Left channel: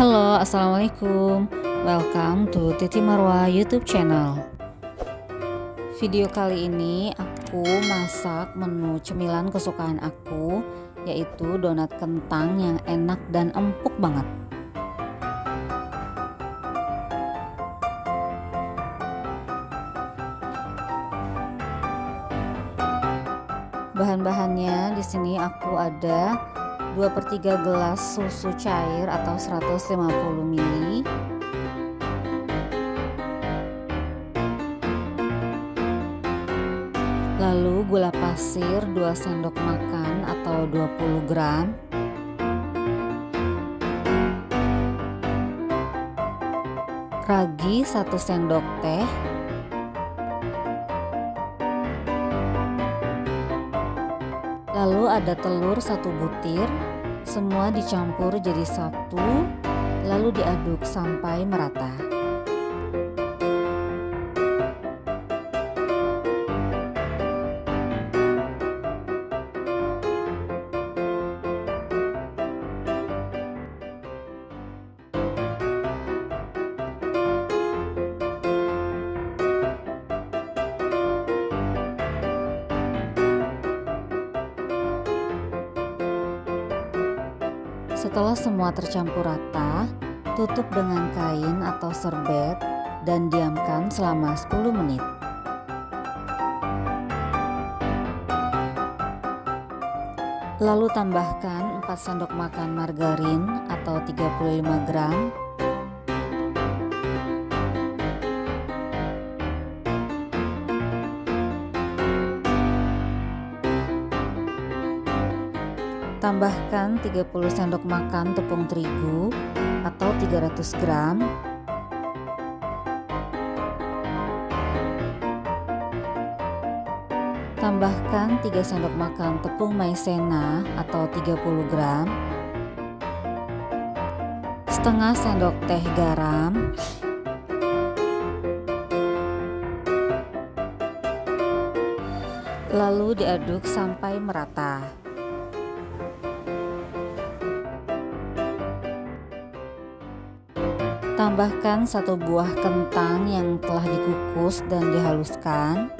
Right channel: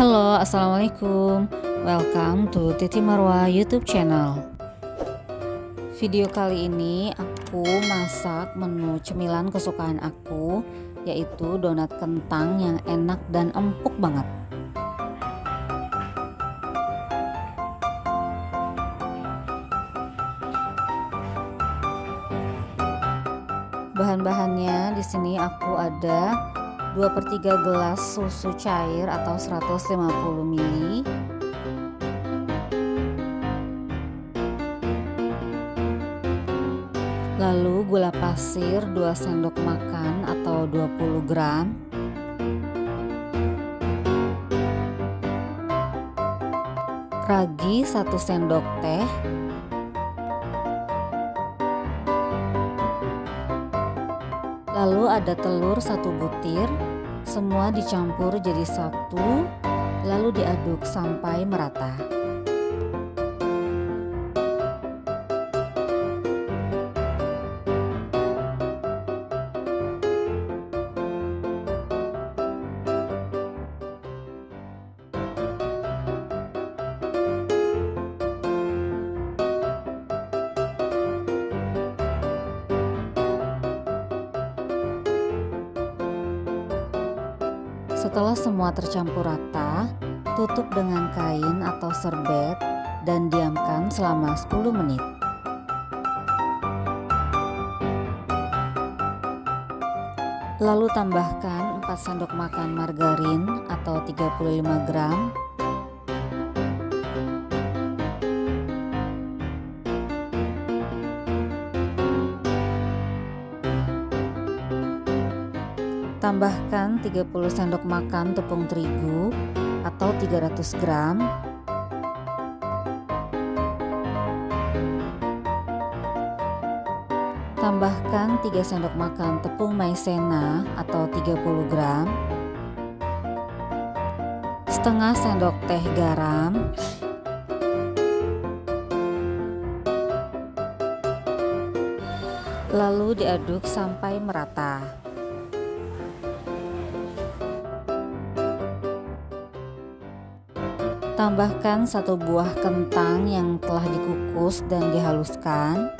Halo, assalamualaikum. Welcome to Titi Marwa YouTube channel. Video kali ini aku masak menu cemilan kesukaan aku, yaitu donat kentang yang enak dan empuk banget. Bahan-bahannya di sini aku ada 2/3 gelas susu cair atau 150 ml, lalu gula pasir 2 sendok makan atau 20 gram, ragi 1 sendok teh, lalu ada telur 1 butir. Semua dicampur jadi satu, lalu diaduk sampai merata. Setelah semua tercampur rata, tutup dengan kain atau serbet dan diamkan selama 10 menit. Lalu tambahkan 4 sendok makan margarin atau 35 gram, tambahkan 30 sendok makan tepung terigu atau 300 gram, tambahkan 3 sendok makan tepung maizena atau 30 gram, setengah sendok teh garam, lalu diaduk sampai merata. Tambahkan 1 buah kentang yang telah dikukus dan dihaluskan,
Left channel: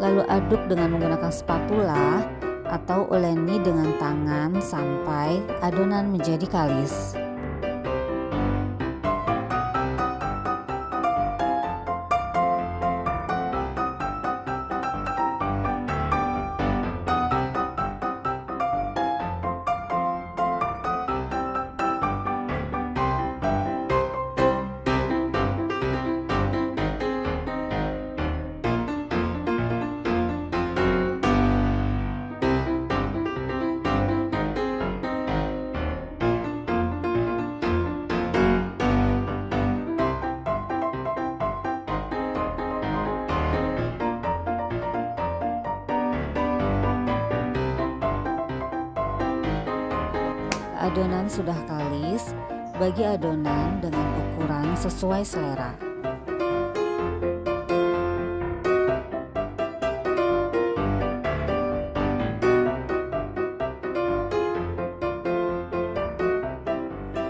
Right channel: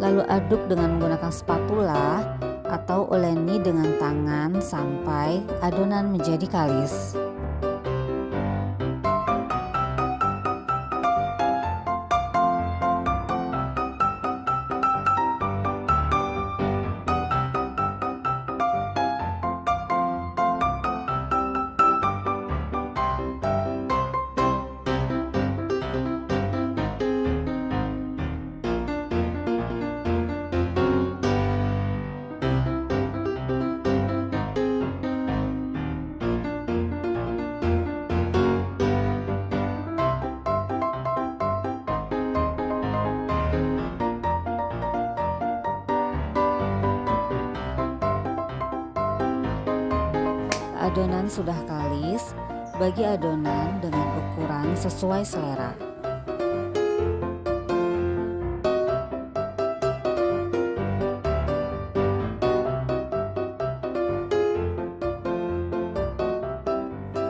lalu aduk dengan menggunakan spatula atau uleni dengan tangan sampai adonan menjadi kalis. Adonan sudah kalis, bagi adonan dengan ukuran sesuai selera.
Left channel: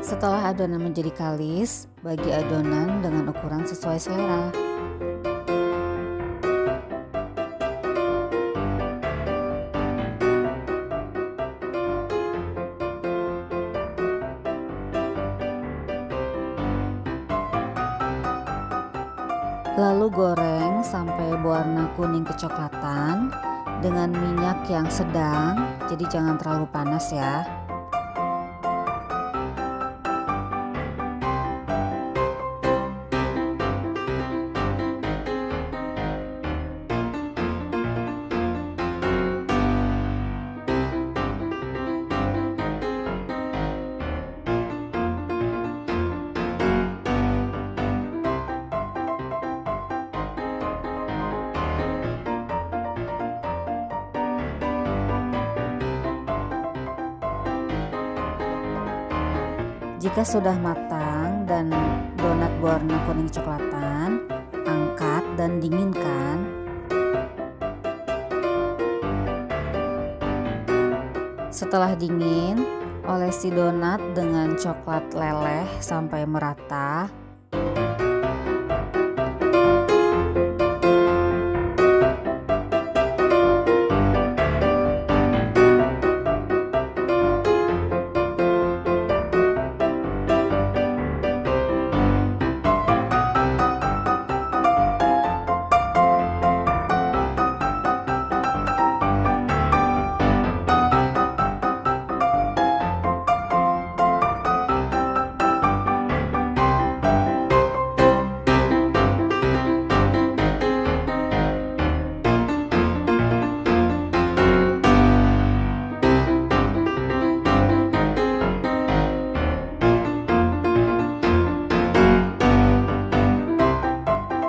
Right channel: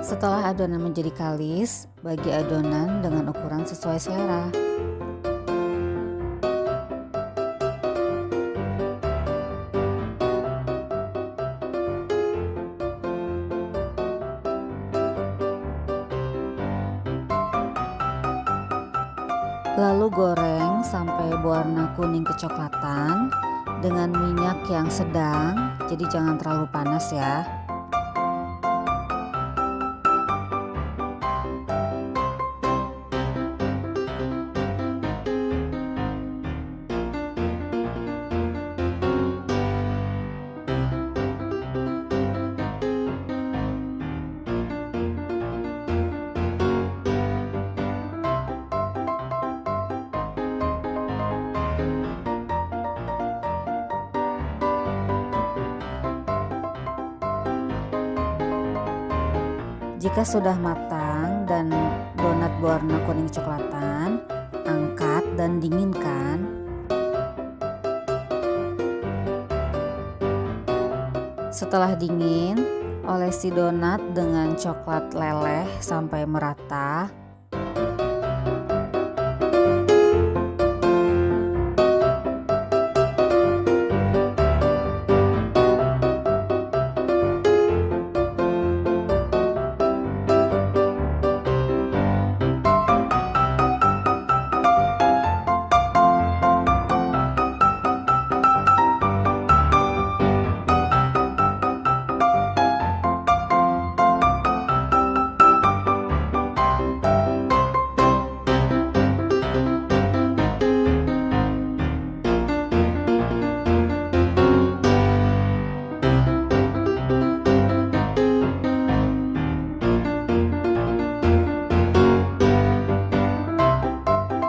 Setelah adonan menjadi kalis, bagi adonan dengan ukuran sesuai selera. Lalu goreng sampai berwarna kuning kecoklatan dengan minyak yang sedang, jadi jangan terlalu panas ya. Jika sudah matang dan donat berwarna kuning coklatan, angkat dan dinginkan. Setelah dingin, Olesi donat dengan coklat leleh sampai merata.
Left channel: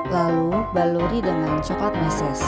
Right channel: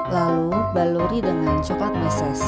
Lalu baluri dengan coklat meses.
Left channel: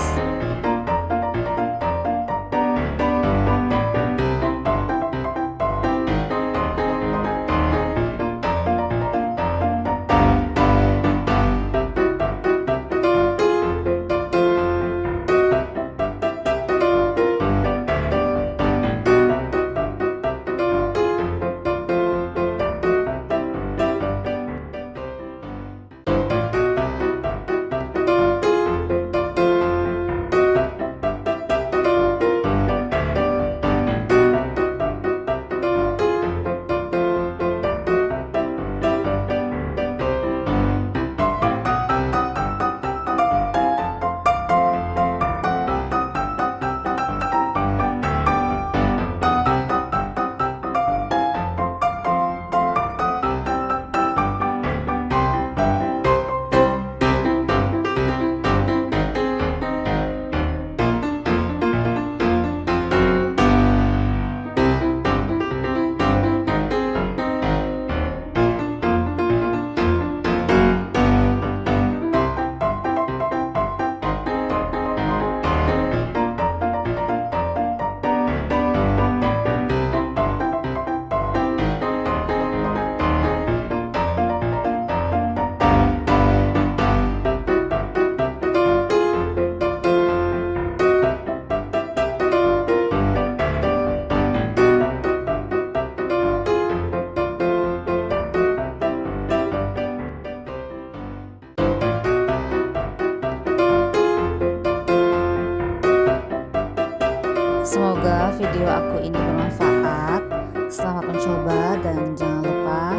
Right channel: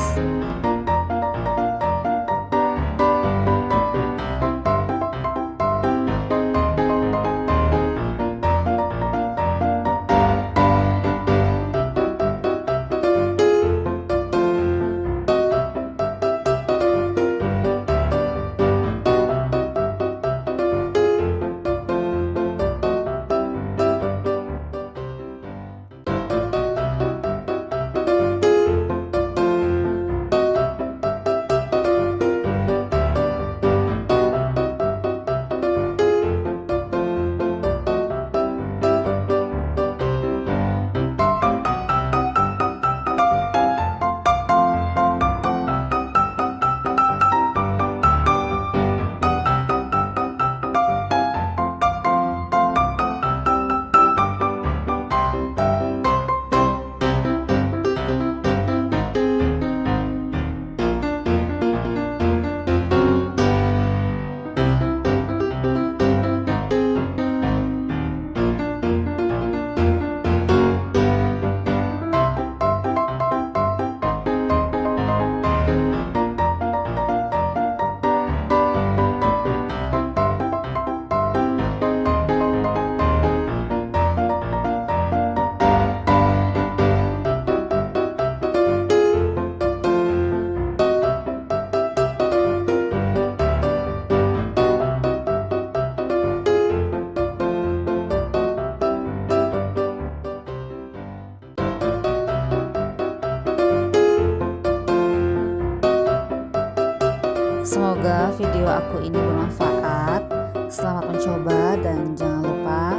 Semoga video aku ini bermanfaat. Selamat mencoba dan jangan lupa